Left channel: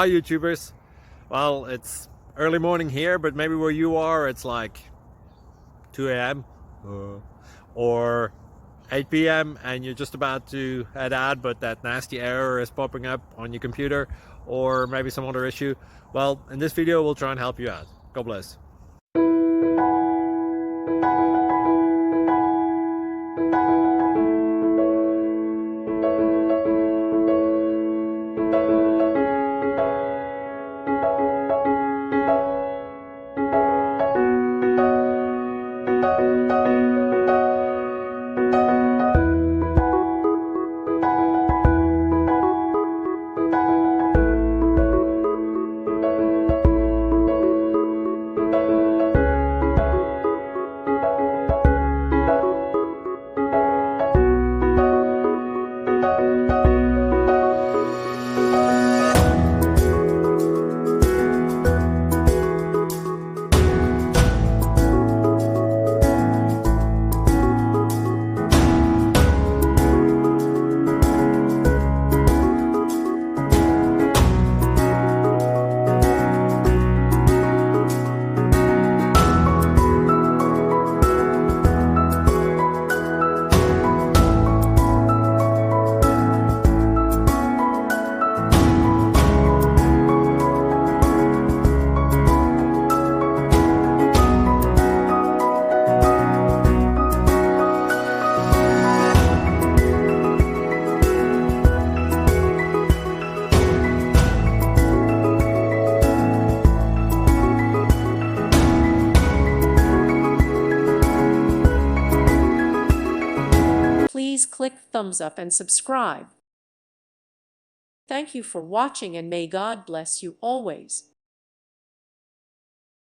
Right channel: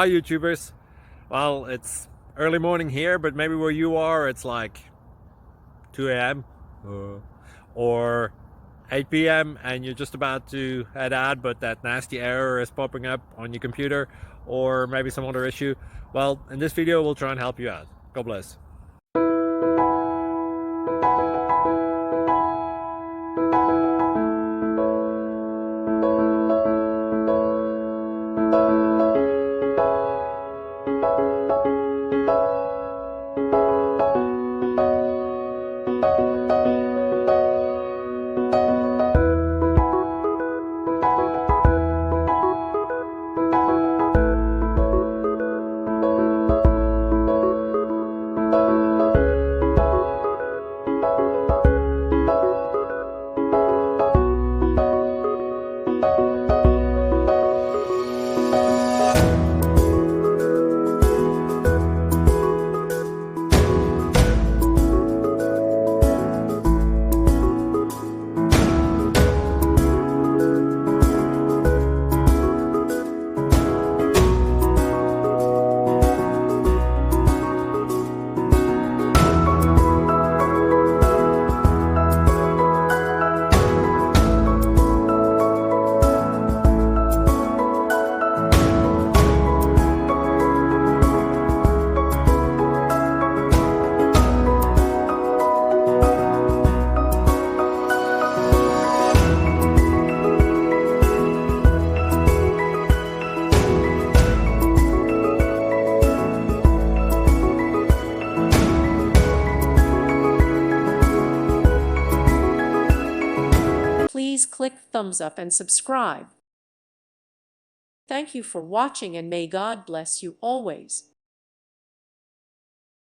Hi YouTubers. Well, it's early morning here, but maybe where you are it's like 2 a.m. or 8 p.m. and you're just about to head out, but that nasty error is popping up on your computer, or maybe some other issue. Well, in this video we'll try and help you out. God bless. Please click thumbs up and subscribe. Thank you for watching, and may God bless you always.